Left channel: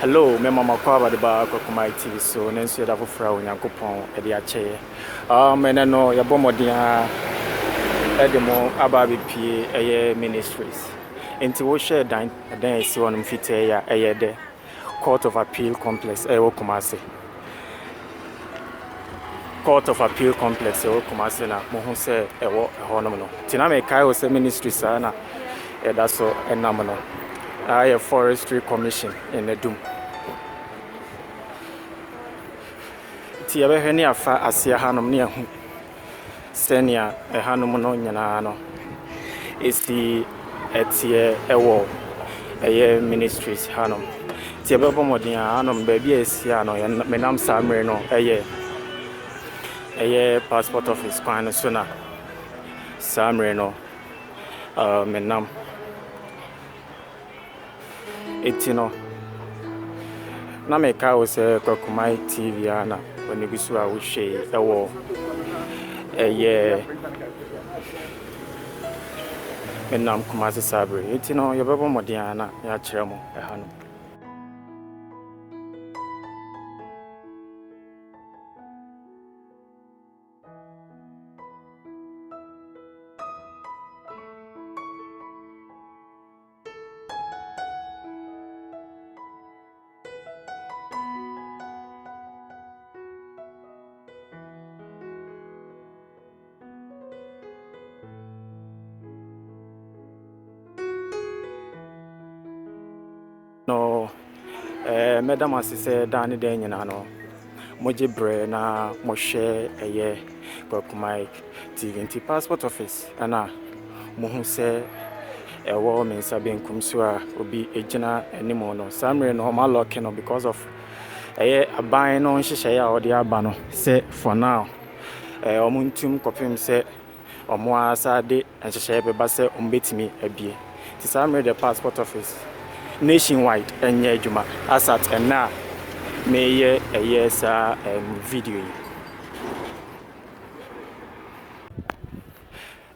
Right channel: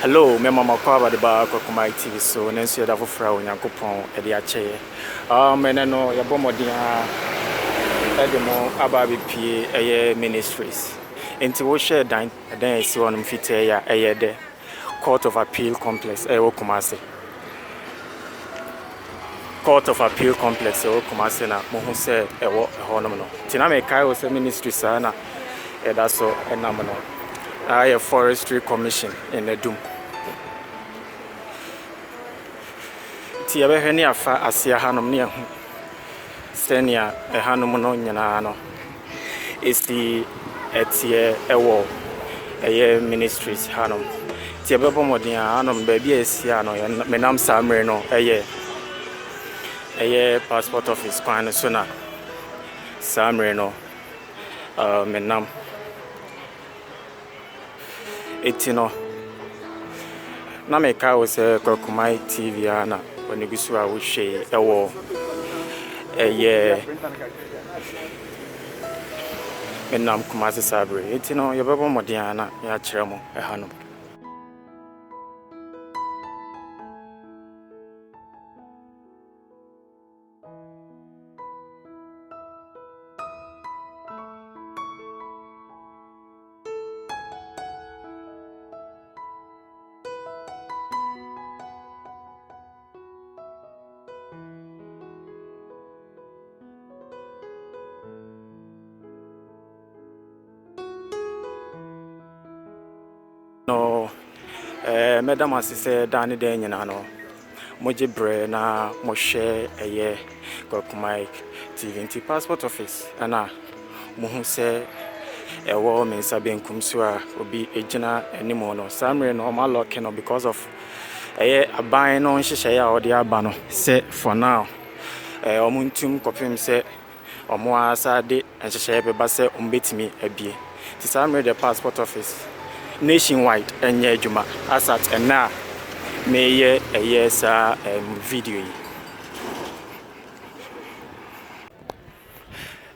Hello, my mama Kwaba the bar Kumasi TV so and see that for when Yankopon at the chair. And I know your Bomodia Adum Ababi P. Ministries. Into what share dine there is one fit a the Court of Appeal Complex, Kumasi. Court of Appeal Complex, Kumasi, who said a honorable. Tiname Kai ministry sana, and that's so a nominal. I a forestry commission in Adum. Ti ebe ni afa asia hanom ne ahu senia hanom no nyina no esi etie ewo ministries hanom ti ebe bo modin hanom ba bia esi ano menam samre no passport office kwan so na samre no menam etino na meka wo se Kumasi TV ana onigisu a wo hwe ewo enam Kumasi sabre etino yebebo modin ana ya kire mo ehano no madam asise dani de nyina no moje bre na mo hwe Kumasi TV passport office ana mo hu se ewo me sabe nkum so a obi egina animo no samre no ma lock no because of aban no nhihye ya odi aba no se for now omuntum kopem se omo asade nhihye beba se ombetimi abie ti samre the passport office nationwide and adwuma asat and now me video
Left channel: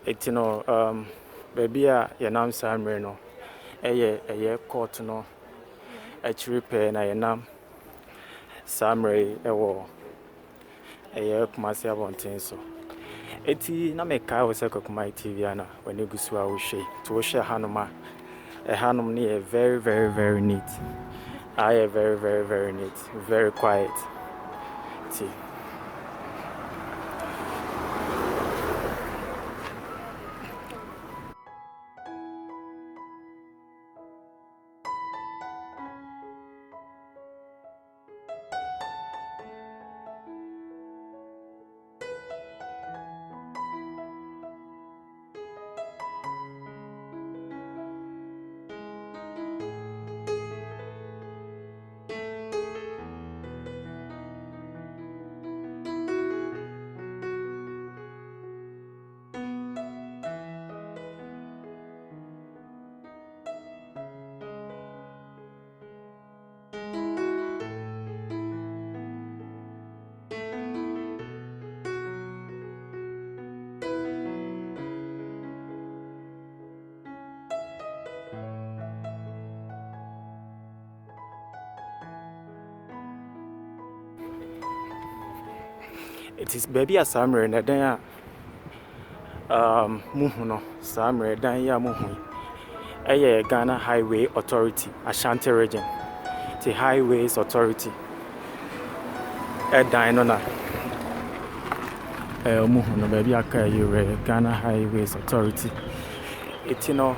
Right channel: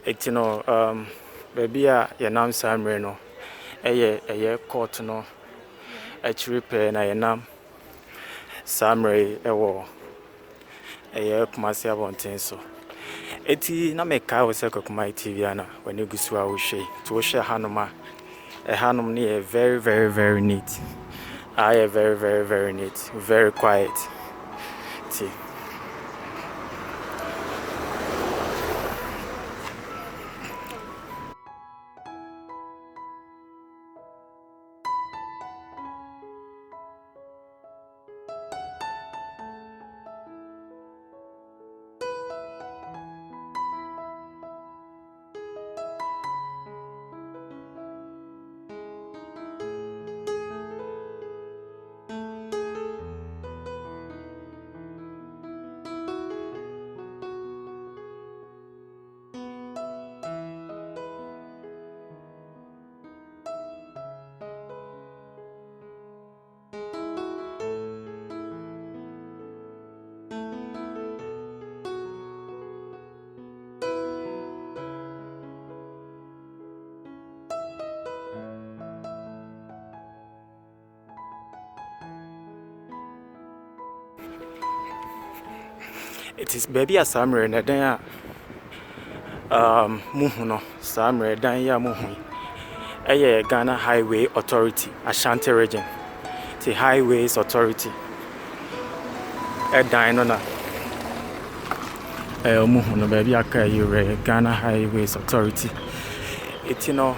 it baby yanam samre no court no actually pay na yanam samre ewo Kumasi abonten so eti na meka we se Kumasi TV ana when you gusu a wo hwe to hwe hanoma hanum ni very very very neat. I am very very very neat, very quiet. See. It is baby a summer and then muhuno summer dan ya muhu Ghana Highway Authority Ashanti region the Highways Authority dan na muhuno baby aka yure Ghana Highways Authority it nyina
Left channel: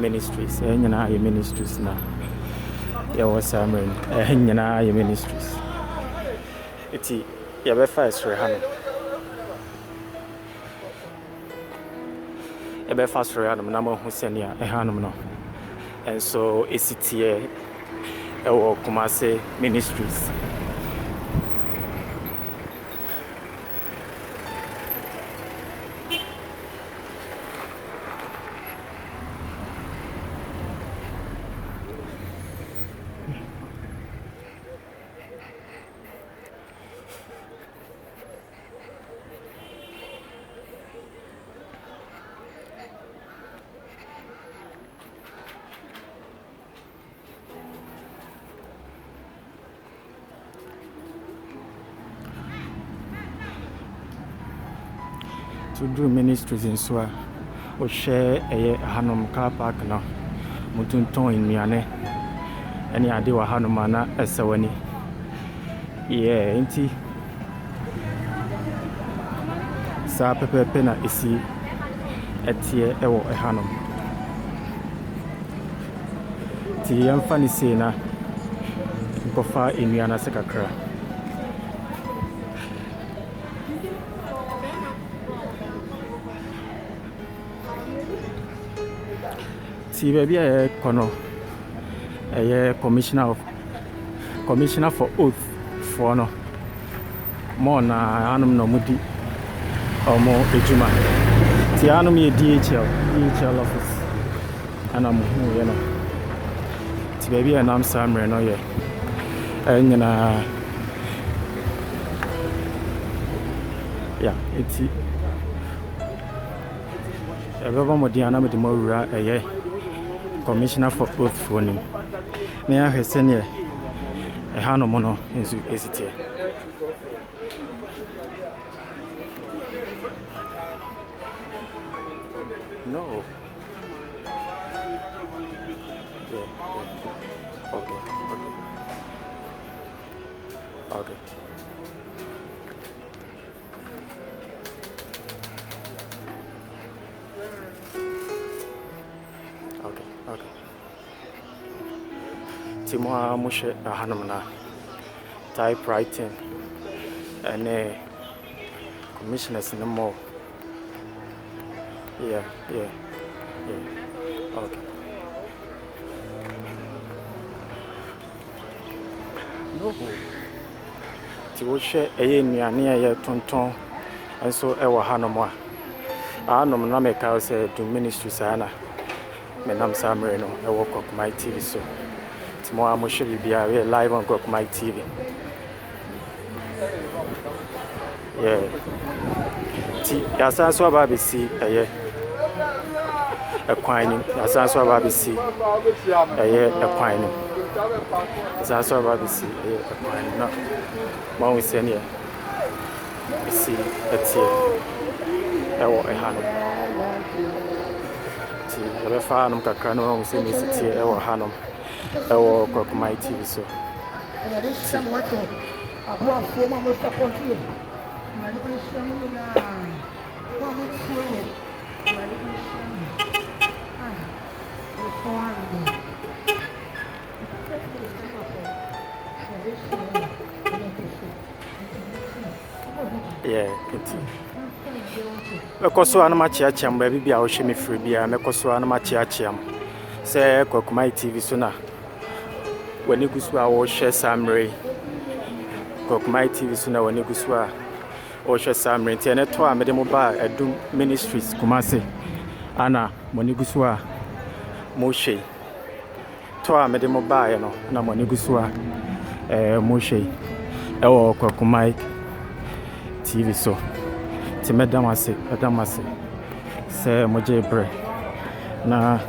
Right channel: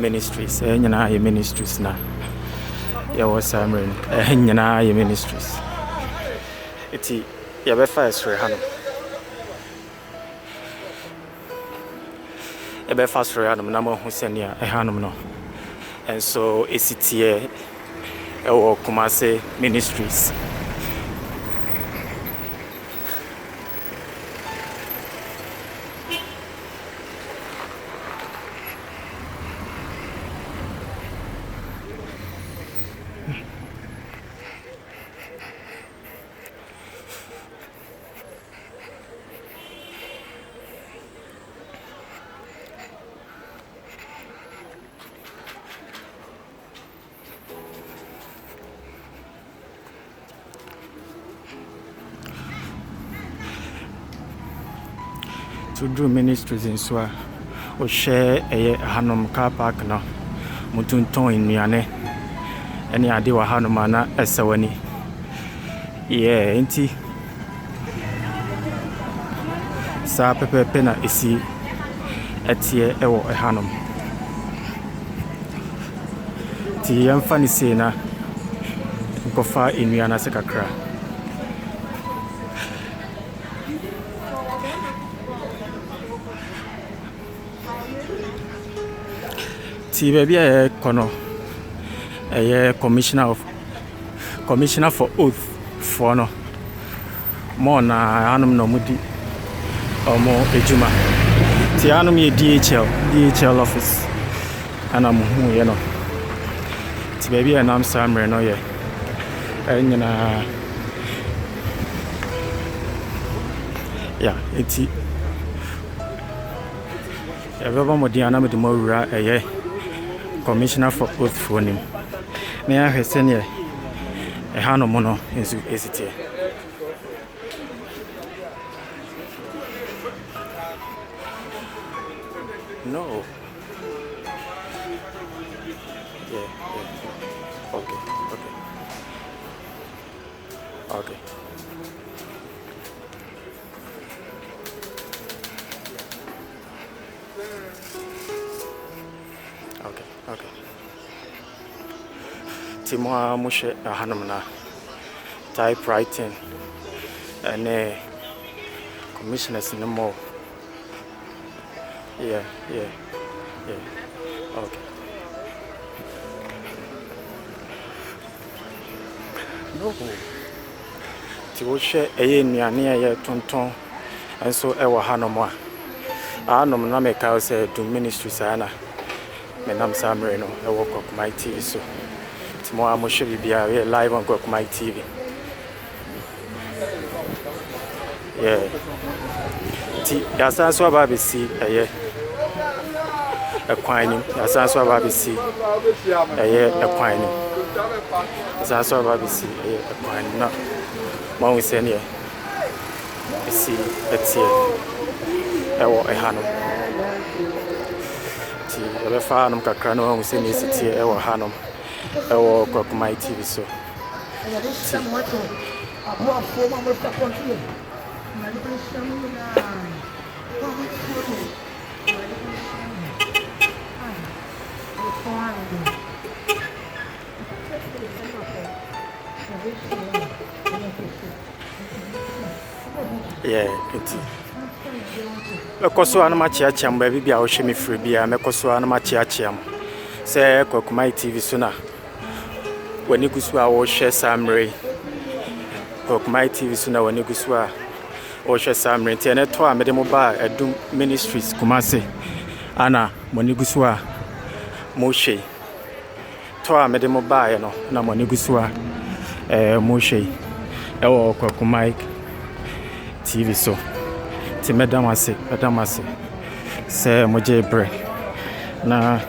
ministries na ya wasamren nyina ya ministries eti ya be fast for hano e be fast for hano na mo hu senia hanom no and so esitie Kumasi Ministries Adum Ministries in so o share a Hanom car park no mutunton nnuane ene ade wa Hanom na esewani enti sa pepepe na esi etie ewo Hanom ti yamfa ni se na kofa nnuane se kakra ti baby kono commissioner for oath for no more na Hanom no mudi omo ejuma ti Hanom ye DHL office ana mo hu ye no ti baby nam samre no ye anyina ya enti everyone modiana me mo wura commissioner for oath for him me a hesene Hanom no ensu esiti no okay Timo mushe Hanom na typewriting and commissioners in more. Yeah. Okay. No. Timo share nnuane tonton enso ewo Hanom a Hanom na me ka say to ministries ana me nam samre no ewo Kumasi TV so Timo mushe bibia we live on Kumasi TV. Yeah. Ti yasa so aba be si ekwan ni yasa so aba be si ekwan ni yasa so aba be si ekwan ni na one we say ne si etie ewo Hanom ti ele fa Hanom kakra no we say ne si tie ewo Hanom ewo Kumasi TV so Mekoso anama chiachiam baby bia wo hwe me free bia mekoso anama chiachiam se Kumasi TV so na wani gusu a wo hwe samre Kumasi TV so na wani gusu a wo hwe samre tie ne to a mede mo ba Adum Ministries Kumasi ana wani gusu a mo hwe to a mede mo ba no na wani gusu a mo hwe ewo Kumasi TV so ti medamase se moje bre na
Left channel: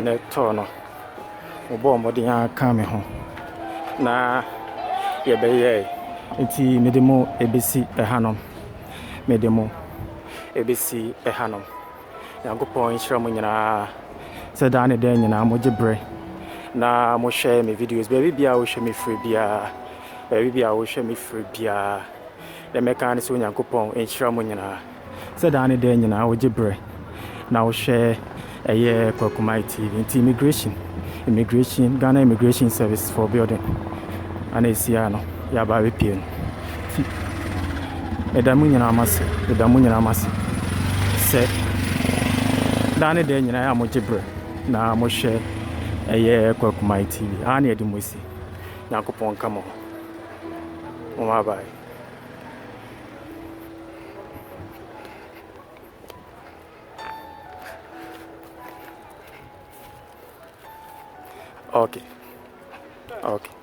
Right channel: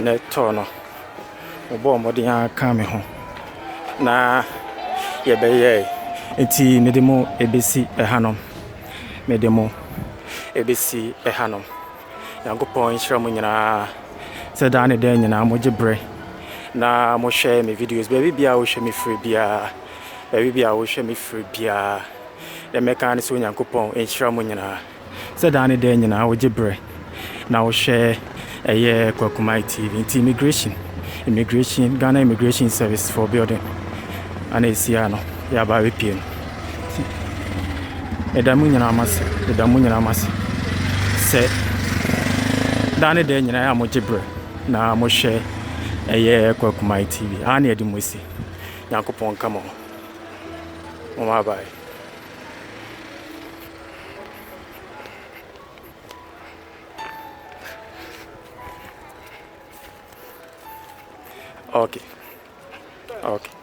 ne to no obo modi aka me ho na ye be ye eti medemo ebesi Hanom medemo ebesi Hanom yankopon hira mo nyina se da ne da nyina moje bre na mo share me videos baby bia wo hwe me free bia baby bia wo hwe me free bia the mechanics when Yankopon hira mo nyina se da ne da nyina wo gibre na wo share Kumasi TV immigration Ghana Immigration Service for building ana esia no ya ba we pie no edamu nyina amase se da ne da nyina ya mo gibre na mo share Kumasi TV ana edi mo si Yankopon kamo mo bye. Okay.